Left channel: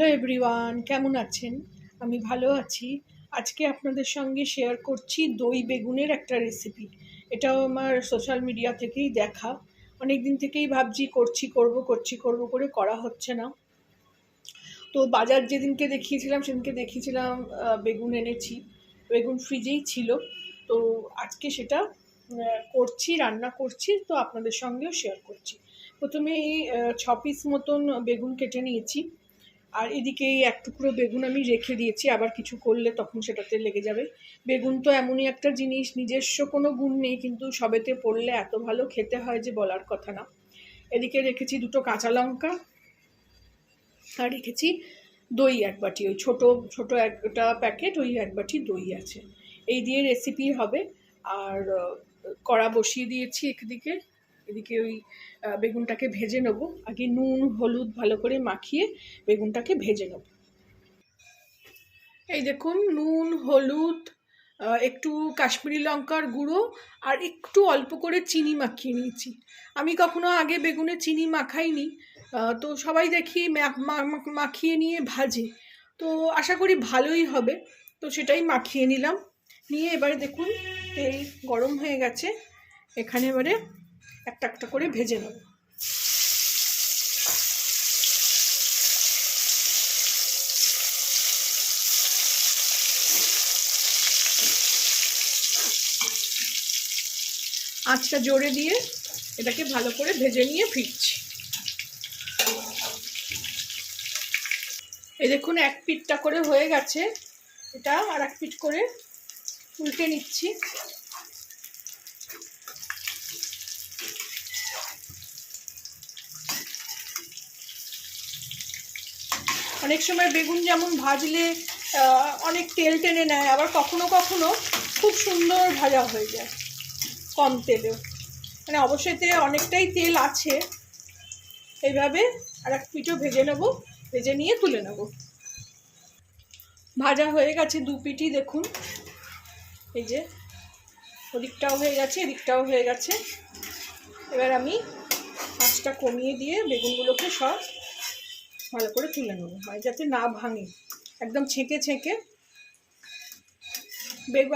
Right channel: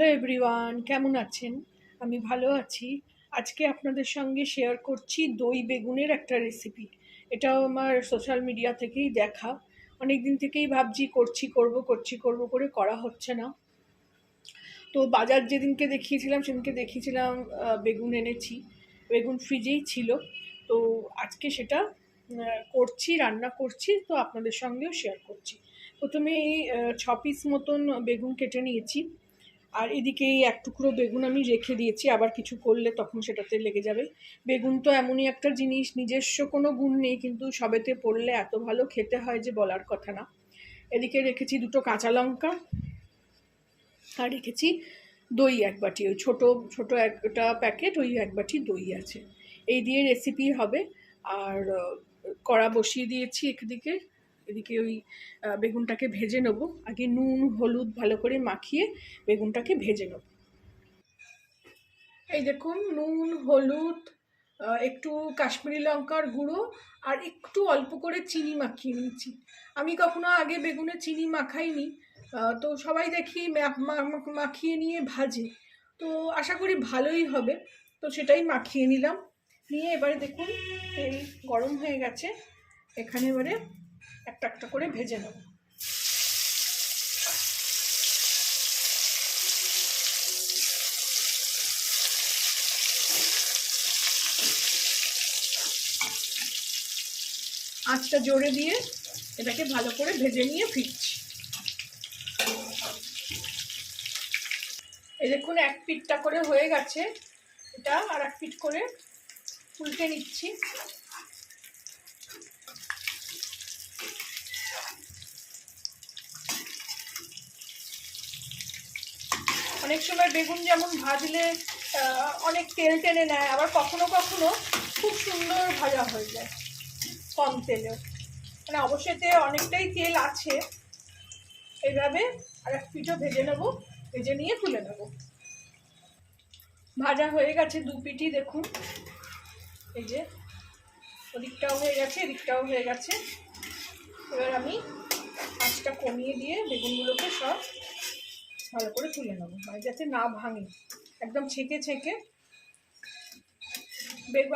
Hello everyone, কেমন আছেন? আমি ভালো আছি। আজকে আপনাদের সঙ্গে শেয়ার করছি দই বেগুনের একটা রেসিপি। এটাও আমার সোশ্যাল মিডিয়া থেকেই দেখা। অনেক দিন থেকেই ভাবছি করব করে করা হচ্ছে না। তো বাজার যেদিনকে দেখিয়েছিলাম বেগুন এনেছি। বেগুন ফ্রিজেই ছিল। তো আজকে সেটা রান্না করছি, তো আপনাদের সঙ্গেও শেয়ার করছি। প্রথমে এই 6 পিস মতন বেগুন কেটে নিয়েছি। আর এদিকে এই এক টুকরো বেগুন আমি রেখে দিয়েছি, আবার কিছু করলে তখন সেটাতে লেগে যাবে। বেগুন তো এমনই একটা জিনিস, নিজস্ব কোনো গুণ নেই, কিন্তু সবেতে পড়লে এত ভালো খেতে হয় যে বলার কথা না। এদিকে রেখেছি দুটো কাঁচা লঙ্কা, আর রেখেছি দই এক বাটি, ওই ছোটো ছোটো একটা প্যাকেট, ওই এক বাটি দই আছে। এই দিয়ে রেসিপি হবে। আর কড়া বসিয়ে দিয়েছি একদিকে। এদিকে ওই বেগুনটাকে ভেজে নেবো। আগে নুন হলুদ ভালো করে মাখিয়ে বেগুনটাকে ভেজে নেব। এই দেখুন, নুন হলুদ, একটু কাশ্মীরি লঙ্কার গুঁড়ো আর একটু অল্প করে চিনি মাখিয়ে নিয়েছি। আমি কখনো আগে বেগুনে চিনি মাখাইনি, তো সবাই দেখি মাখিয়ে নিয়ে ভাজে। তো আশা করি ভালোই হবে, তো সেটাই মাখিয়ে নিলাম। নিয়ে এবারে দেখুন তেল গরম হয়ে গেছে, এখানে এবারে একটা একটা করে ভেজে নেব। আঁচটা জোরে দিয়ে এটাকে ভালো করে ভেজে নিয়ে ফিরছি। এই দেখুন, এক পিঠটা করে হয়ে গেছে, এটা আর এক পিঠ করে উল্টে নিচ্ছি। অনেক সময় বেগুন যেমন ভাজলে অনেক তেল টেনে নেয়, আবার কখনো কখনো খুব সুন্দর ভাজা হয়ে যায় কম তেলেও। মানে অবশ্যই অনেকটাই তেল আছে। এইভাবে আর এক পিঠও ভেজে নেব, ভেজে নিয়ে তুলে নেব। ভাজা হয়ে গেছে দু পিঠই, দেখুন এই যে ওদিকটাও হয়ে গেছে এদিকটাও হয়ে গেছে। এবার আমি আঁচটা কমিয়ে দিয়ে বেগুনগুলোকে সব ভালো করে তুলে নেবো, হয় যাতে না ভাঙে, একদম ছেঁকে ছেঁকে।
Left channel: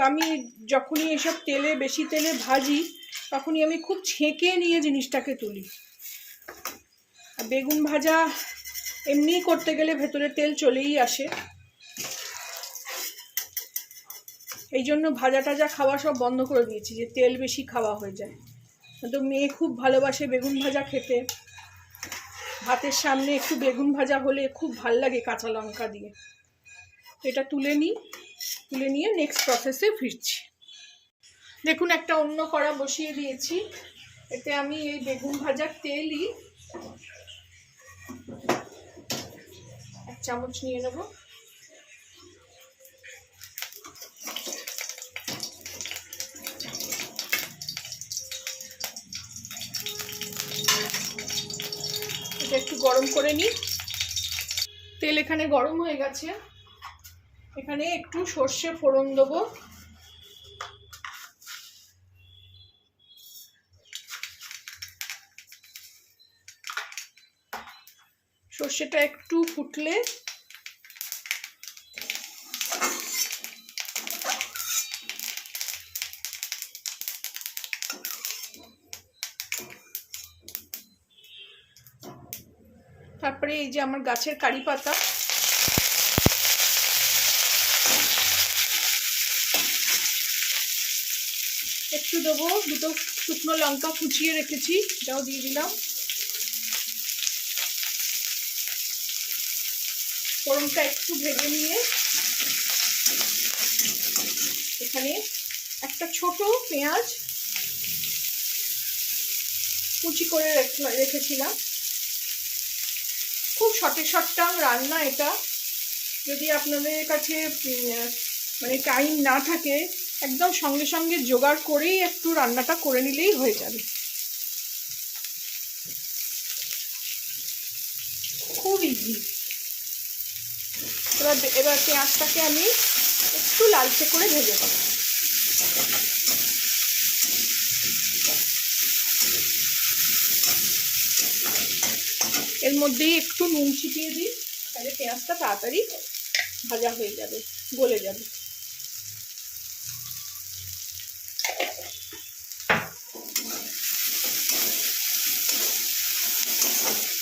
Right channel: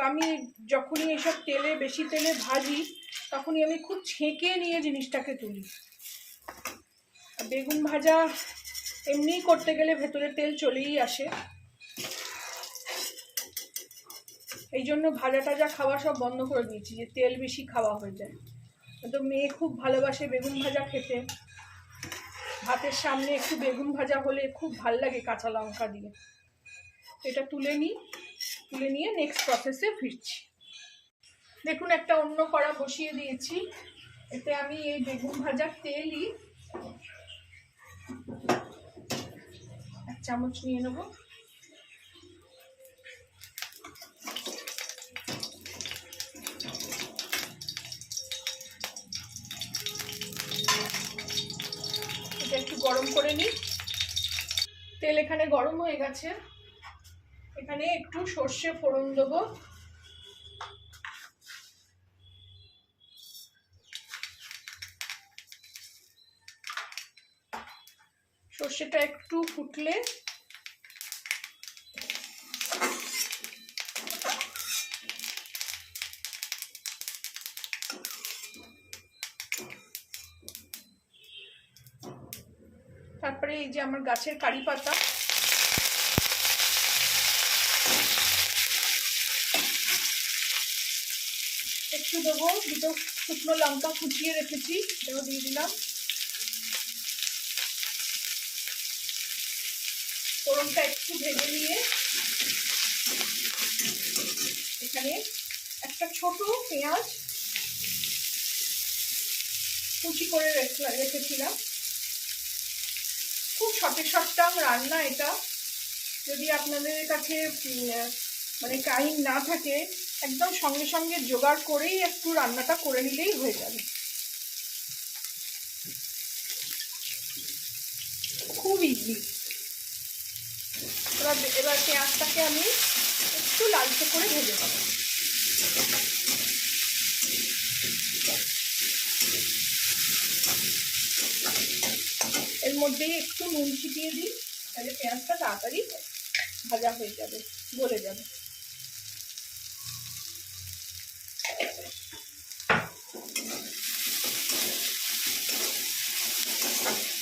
আমি যখনই এসব বেশি তেলে ভাজি, তখনই আমি খুব ছেঁকে নিয়ে জিনিসটাকে তুলি। বেগুন ভাজা এমনিই করতে গেলে ভেতরে তেল চলেই আসে, এই জন্য ভাজা টাজা খাওয়া সব বন্ধ করে দিয়েছি, যে তেল বেশি খাওয়া হয়ে যায়। তো মেয়ে খুব ভালোবাসে বেগুন ভাজা খেতে, ভাতের সামনে একটু বেগুন ভাজা হলে খুব ভাল লাগে কাঁচা লঙ্কা দিয়ে। এটা তুলে নিয়ে নেক্সট প্রসেসে ফিরছি। দেখুন, একটা অন্য কড়া বসিয়ে দিয়েছি, এতে আমি এই বেগুন ভাজার তেলই 1 চামচ নিয়ে নেব। এটা একটু গরম করে নিই। তেল এখানে গরম হয়ে গেছে, এখানে একটু সর্ষে ফোড়ন দেবো। সর্ষেটা একটু ফুটলে তারপরে এই যে আমার গাছের কারি পাতা, একটু দেবো, দুটো শুকনো লঙ্কা কুচিয়ে রেখেছি, এটাও দিয়ে দিলাম। ফোড়নটা একটু ভেজে নিয়ে এখানে একটা ছোট পেঁয়াজ কুচি করে রেখেছিলাম। খুব সটে রান্না এটা, যদি আপনাদের কাছে মানে টাইম না থাকে, একদম সঙ্গে সঙ্গে জোগাড় করেই একটু রান্নাটা করে নিলেই হয়ে যাবে, খুব ইজি। এবার পেঁয়াজটাকে আমি একটু লালচে করে ভেজে নেব। এর মধ্যেই একটু নুন ছিটিয়ে দিই। তাহলে পেঁয়াজটা তাড়াতাড়ি ভাজা হয়ে যাবে, গলে যাবে।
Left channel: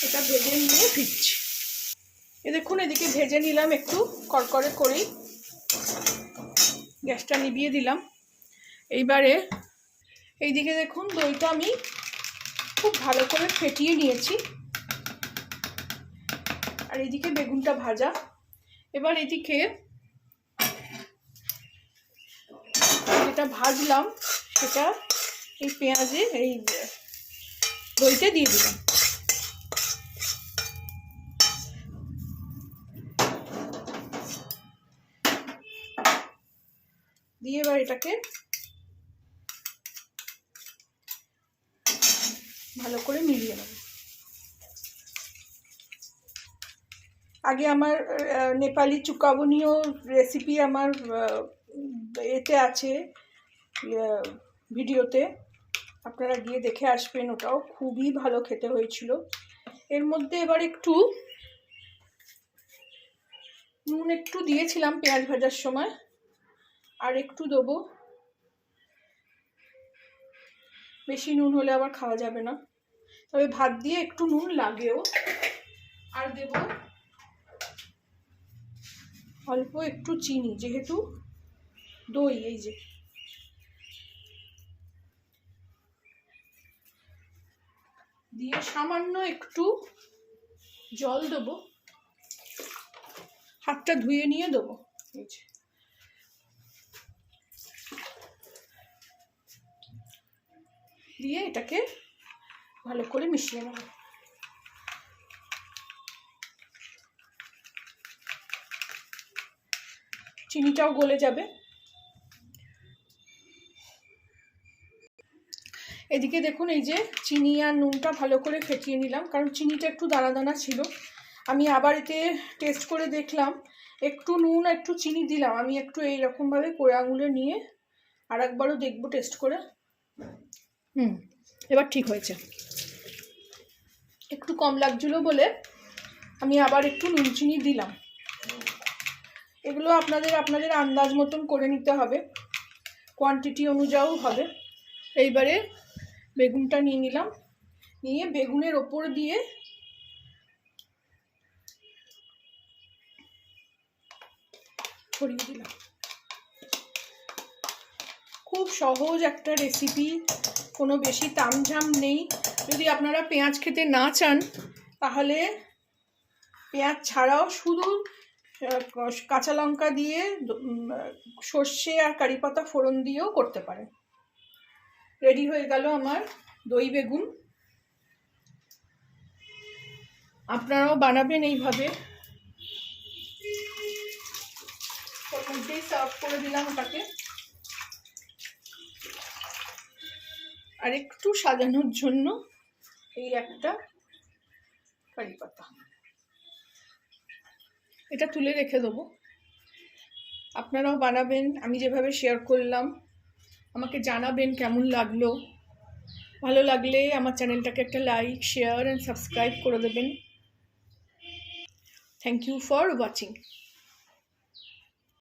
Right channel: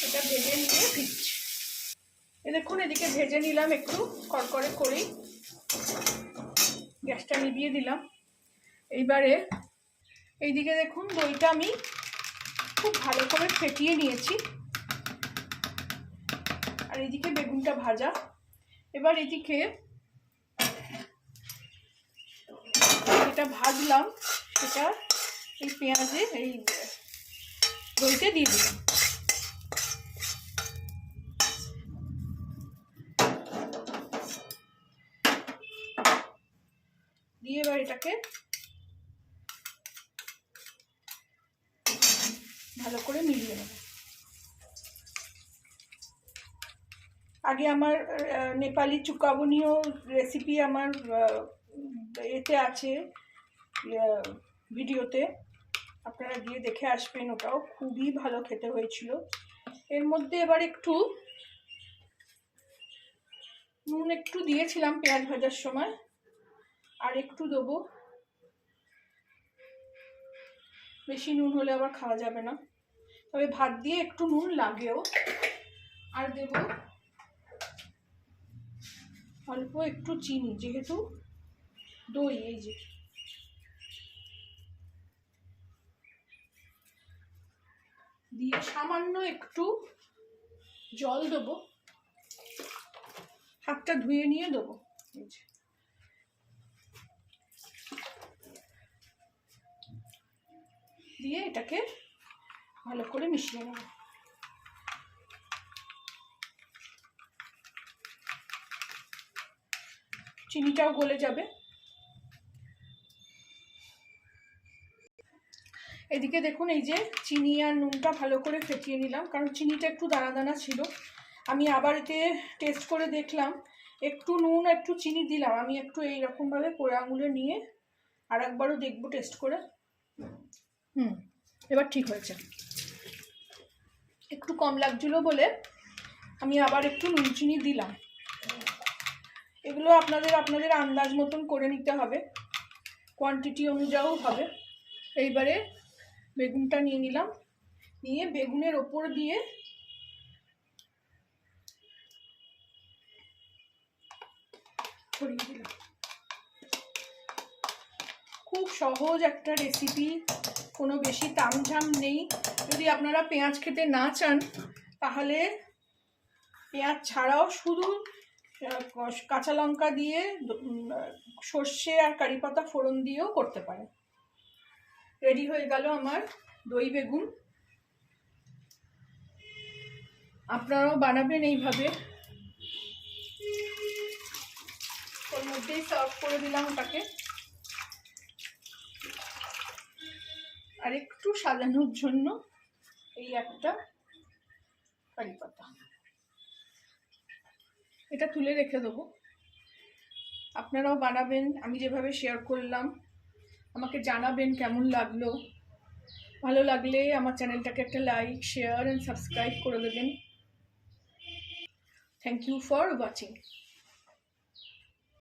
এটা ভেজে নিয়ে ফিরছি। দেখুন এদিকে ভেজে নিলাম একটু কড়কড়ে করেই, গ্যাসটা নিভিয়ে দিলাম। এইবারে এইদিকে দেখুন দইটা আমি খুব ভালো করে ফেটিয়ে নিয়েছি, আর এদিকে বেগুনটা ভাজা। এবার এদিকে যেটা ভাজলাম সেটা এই পেঁয়াজে এই দইতে দিয়ে দিলাম। দিয়ে এবার এটাকে ভালো করে মিলিয়ে নেব। আগে আমার নেপালি চুকাবনীয় রেসিপি আমার এতে আছে ভিডিওতে, আপনারা গিয়ে দেখে আসবেন, ওটাও খুবই ভালো খেতে হয়েছিল। এর মধ্যে এবার একটু নুন একটু দিয়েছিলাম পেঁয়াজ ভাজার সময়, আর একটু দেবো, বেশি নুন হলে আবার খাওয়া যাবে না, তবে ভাত দিয়ে একটু নুন লাগেও। আর দেব অল্প একটু চিনি, যেহেতু দই, এই যে দিয়ে সামান্য একটু জল দেবো, হাতটা ধুয়ে নিয়ে দেবো। এই যে দিয়ে এটাকে ভালো করে মিশিয়ে নেব। চিনিটাও গলে যাবে। এদিকে দেখুন এই যে চিনি আর নুনটা ভালো করে ফেটিয়ে নিলাম, কারণ চিনিটা একটু দানা দানা ছিল। আমি আবার এতে টেস্ট করে দেখলাম, একটু নুন একটু চিনি দিলাম। আমি একটু এইরকমভাবে করে আঙুলে নিয়ে আর একবারও দেখবো টেস্ট করে। এবার ঠিক হয়েছে। একটু কম লাগছিল বলে আমি আবার একটু নুন চিনি দিলাম। এগুলো আপনাদের আন্দাজ মতন করে নিতে হবে, কোয়ান্টিটি অনুযায়ী হবে। এইবারে বেগুনটা নিয়ে নিলাম, নিয়ে বেগুনের ওপর দিয়ে ছড়িয়ে দিলাম। খুব সহজ একটা রেসিপি, কোনো বেশি তামঝাম নেই। যদি আপনারা পেঁয়াজ খেতে না চান তাহলে পেঁয়াজ ছাড়াও শুধু কাঁচা লঙ্কা দিয়ে, সর্ষে আর কারি পাতা ফোড়ন দিয়েও করতে পারেন। রেডি হয়ে গেল আমার দই বেগুন। আপনারাও বানাবেন এইভাবে। ওর মধ্যেই সার্ভ করে দিলাম ওটাকে, আর একটু সাজানোর জন্য এই একটা কারি পাতা, এটা তুলে রেখে দেবো। আপনারাও বানাবেন, আমি যেভাবে শেয়ার করলাম। আমাকে জানাবেন কেমন লাগলো। ভালো লাগলে আমার চ্যানেলটাকে একটা লাইক, শেয়ার অ্যান্ড সাবস্ক্রাইব করে দেবেন। Thank you for watching.